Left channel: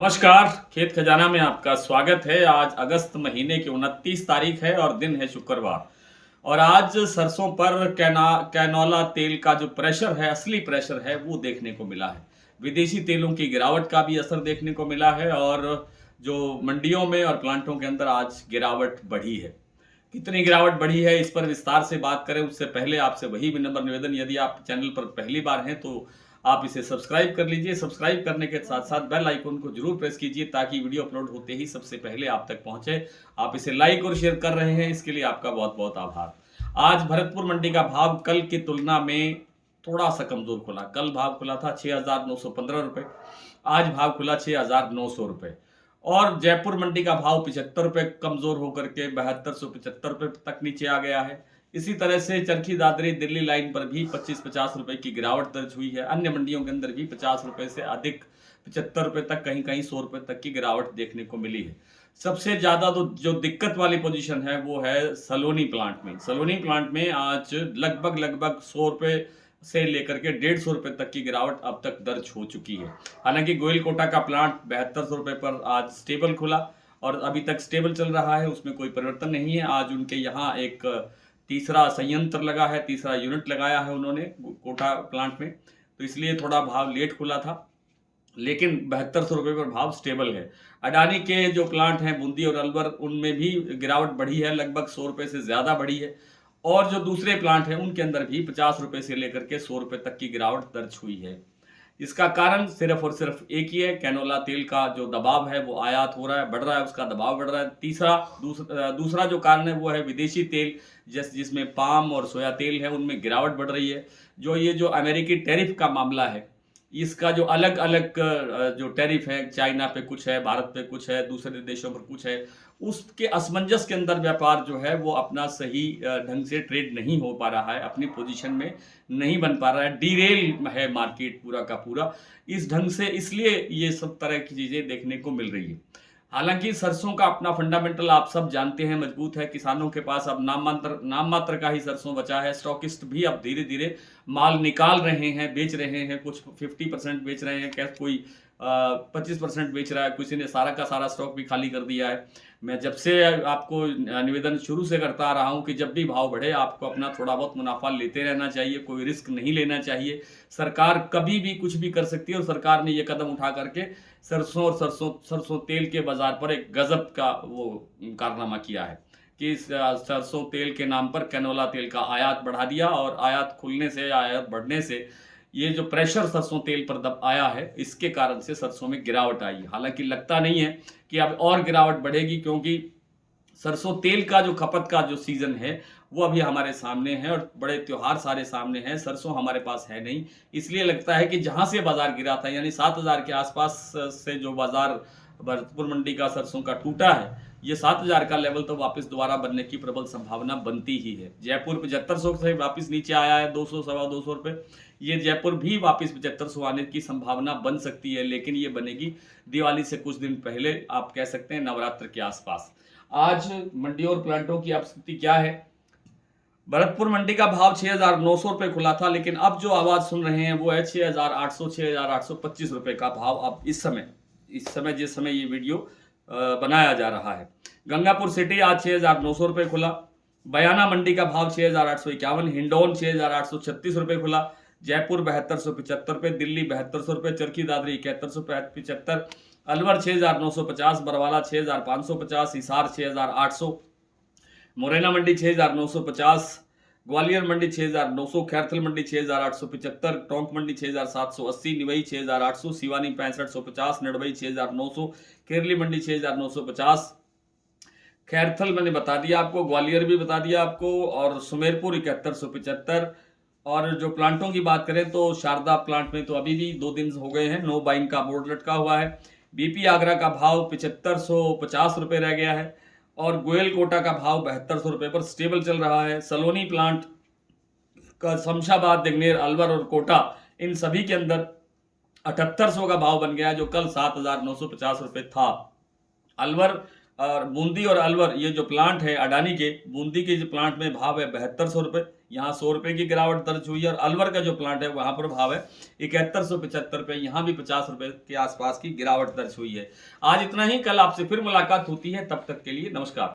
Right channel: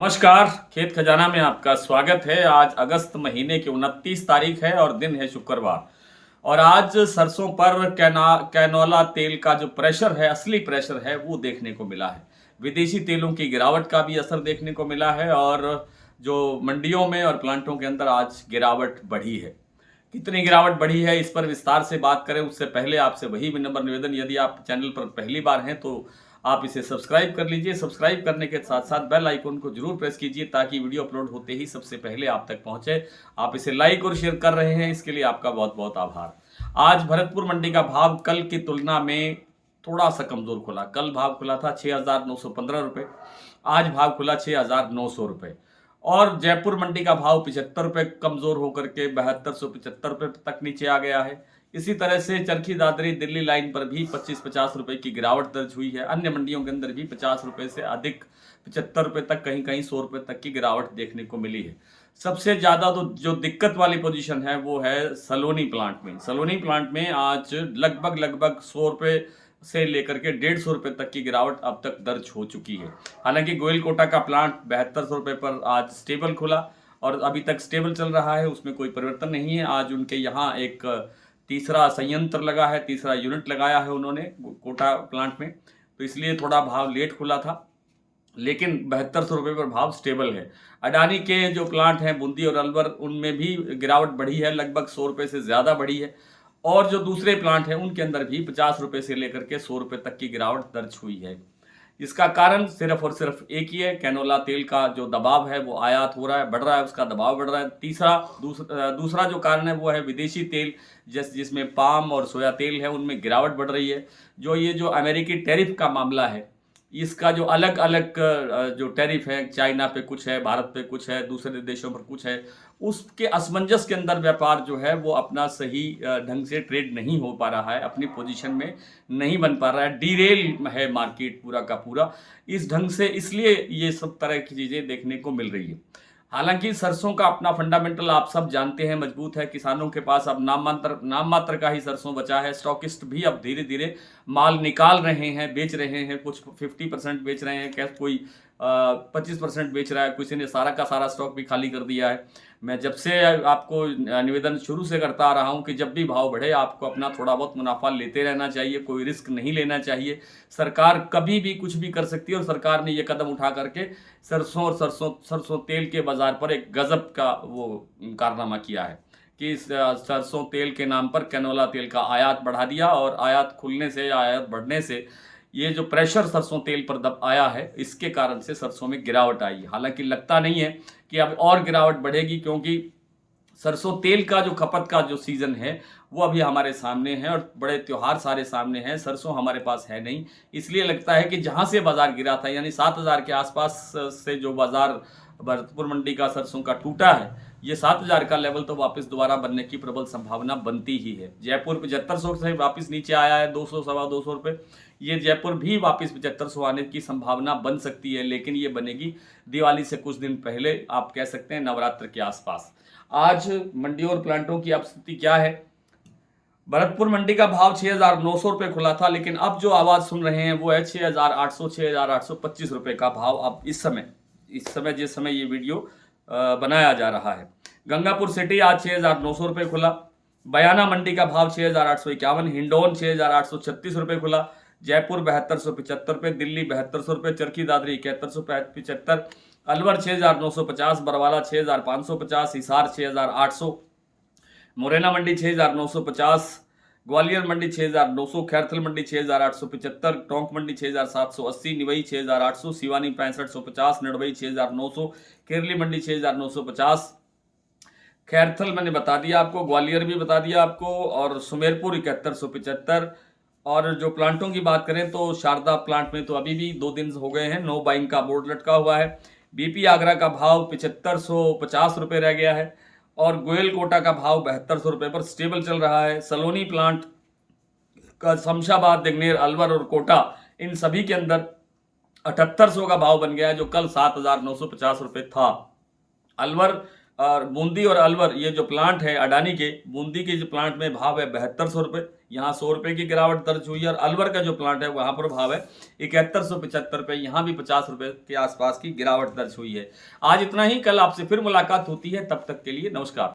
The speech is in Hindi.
नमस्कार। खेत खजाना में आपका स्वागत है। आज अगस्त महीने की 29 तारीख है और दिन है शुक्रवार। और आज सरसों पर कैनोला तेल का जो प्रेशर है, असली प्रेशर है, वो देखने को मिला है। विदेशी तेलों की गिरावट का भी असर देखने को मिला है और जो मंडियों में और प्लांटों के अंदर आज गिरावट बढ़ी है। कितनी गिरावट बढ़ी है, इस पर विस्तार से बात करें उससे पहले आपसे वही विनम्र निवेदन, यदि आप चैनल पर पहली बार हैं तो आप इसे सब्सक्राइब कर लीजिए। सब्सक्राइब करने के साथ साथ बेल आइकन को जरूर प्रेस कीजिए ताकि वीडियो अपलोड होते ही सबसे पहले आप तक पहुंचे। आप इसे लाइक और शेयर कर रहे हैं, इसके लिए आपका बहुत बहुत आभार। आज भरतपुर मंडी का भाव कल की तुलना में थोड़ा सा कमजोर खुला। कल भाव खुला था 6,915 रुपये, आज भाव खुला 6,900 रुपये। और जयपुर मंडी का भाव 75 रुपये कमजोर होकर के 7275 रुपये तक नीचे आ गया है। इसी तरह से चरखी दादरी दिल्ली लाइन पर भी 25-50 रुपए की गिरावट दर्ज हुई है। अन्य मंडियों के अंदर भी 50 रुपए से अधिक, 75 रुपए तक, कहीं कहीं 100 रुपए तक की गिरावट देखने को मिली है। सबसे ज्यादा तो जो दिक्कत वाली पोजीशन है वो है सलोनी प्लांट में। सलोनी प्लांट में आज लगभग 100 रुपए से लेकर के 150 रुपए तक की गिरावट अब तक दर्ज हो चुकी है। हालांकि गोयल कोटा का प्लांट 7200 रुपए पर आज स्टेबल खुला और अभी तक स्टेबल चल रहा है, उसमें कोई परिवर्तन नहीं है। आज उनके यहाँ एक तीसरा संयंत्र लगा है, तीसरा यूनिट लगाया है उन्होंने कोटा प्लांट में, तो इसलिए थोड़ा भाव लेट खुला था, लेकिन 7200 रुपये पर भाव स्टेबल है। अडानी के जो प्लांट हैं बूंदी और अलवर, उनमें भी गिरावट बढ़ी है, लगभग 100 रुपये से ज़्यादा बढ़ी है। और जो दूसरे प्लांट हैं उनके अंदर भी 50 रुपये से लेकर के 100 रुपये तक की गिरावट दर्ज हुई है। इसका कारण सिर्फ और सिर्फ एक ही है, कैनोला तेल का जो दबाव है वो आयात हो रहा है, बढ़ रहा है, उसका दबाव बढ़ रहा है। दूसरा जो कारण है वो है विदेशी तेल, जिसमें पाम और सोया तेल है, उनमें गिरावट बढ़ रही है। ये जो अमेरिकी टैरिफ का मामला है, इसका जो अलग अलग जो टैरिफ है, चाइना पे कुछ है, भारत पे कुछ है, दूसरे देशों पर कुछ है, उसके असमंजस के अंदर व्यापार जो है वो अपना सही ढंग से ट्रेड नहीं हो पा रहा है, अपनी पोजीशन में नहीं बन पा रहा है, डीरेल है मार्केट पूरा का पूरा इस ढंग से, इसलिए ये सब तरह की चीज़ें देखने को मिल रही है। हालांकि सरसों का अपना फंडामेंटल आप सब जानते हैं मजबूत है। किसानों के पास अब नाम मात्र का ही सरसों बचा है। स्टॉकिस्ट भी अब धीरे धीरे माल निकाल रहे हैं, बेच रहे हैं। कुछ 50% बेच रहे हैं, क्या कोई 25% बेच रहा है, किसी ने सारा का सारा स्टॉक भी खाली कर दिया है। मैं जब से आपको निवेदन शुरू से करता आ रहा हूं कि जब भी भाव बढ़े आपको अपना थोड़ा बहुत मुनाफा लेते रहना चाहिए, कोई रिस्क नहीं लेना चाहिए। सरकार कभी भी कुछ भी कर सकती है और सरकार ने ये कदम उठा करके सरसों तेल के बाजार पर एक गजब का वो कारनामा किया है कि सरसों तेल के नाम पर कैनोला तेल का आयात बढ़ा दिया और आयात खुलने से, आयात बढ़ने से ये जो प्रेशर सरसों तेल पर दब आया है, इसके कारण से सरसों में गिरावट आई। हालांकि लगता नहीं है कि अब और गिरावट बढ़ेगी, क्योंकि सरसों तेल का जो खपत का जो सीजन है वो अभी हमारे सामने है और बड़े त्योहार सारे सामने हैं। सरसों हमारे पास है नहीं, इसलिए लगता है कि जहां से बाजार गिरा था, यानी 7,000 के आसपास से जो बाजार भरतपुर मंडी का सरसों का टूटा है, ये 7,000 का लेवल तो वापस दोबारा बनने की प्रबल संभावना बनती ही है। जयपुर 7500 से वापस नीचे आया है, 200 सवा 200 रुपये। ये जयपुर भी वापस 7500 आने की संभावना बन सकती है, लेकिन ये बनेगी दिवाली से कुछ दिन पहले, आप कह सकते हैं नवरात्र के आसपास। आज मंडियों और प्लांटों की अब स्थिति क्या है? भरतपुर मंडी का भाव 6,900 रुपये खुला था, लेकिन अब जो आवाज़ सुन रहे हैं वो है 6,800, 6,825 रुपये का भाव अब इस समय जिस समय ये वीडियो बनाया जा रहा है। गंगापुर सिटी आज 6,900 रुपये खुला। बयाना मंडी का भाव 6,851, हिंडौन 6,836 रुपये खुला। जयपुर 7,275 रुपये, दिल्ली 7,200 रुपये, चरखी दादरी 7,175, अलवर 6,950, बरवाला 6,550, हिसार 6,800, मुरैना मंडी 6,950, ग्वालियर मंडी 6,900, खैरथल मंडी 6,875, टोंक मंडी 6,780, निवई 6,800, सिवानी 6550, नडवई 6,900, केरली मंडी 6,950, खैरथल मैंने बता दिया आपको, ग्वालियर भी बता दिया आपको, और सुमेरपुर 7175। और जो प्लांटों की बात करें तो शारदा प्लांट में तो अभी भी 2 दिन हो गए हैं, नो बाइंग का बोर्ड लटका हुआ है। बीपी आगरा का भाव 7550 रुपये रह गया है और गोयल कोटा का भाव 7200 रुपये पर स्टेबल चल रहा है। सलोनी प्लांट का शमशाबाद, दिग्नेर, अलवर और कोटा, इन सभी के अंदर 7800 का भाव बन गया, जो कल 7,950 रुपये था। अलवर और बूंदी और अलवर, ये जो प्लांट है अडानी के, बूंदी के जो प्लांट में भाव है 7200 रुपये, यहाँ 100 रुपये की गिरावट दर्ज हुई है। और अलवर का जो प्लांट है वहाँ पर भाव है 7175 रुपये, यहाँ भी 50 रुपये के आसपास की गिरावट दर्ज हुई है। आज इतना ही, कल आपसे फिर मुलाकात होती है, तब तक के लिए नमस्कार।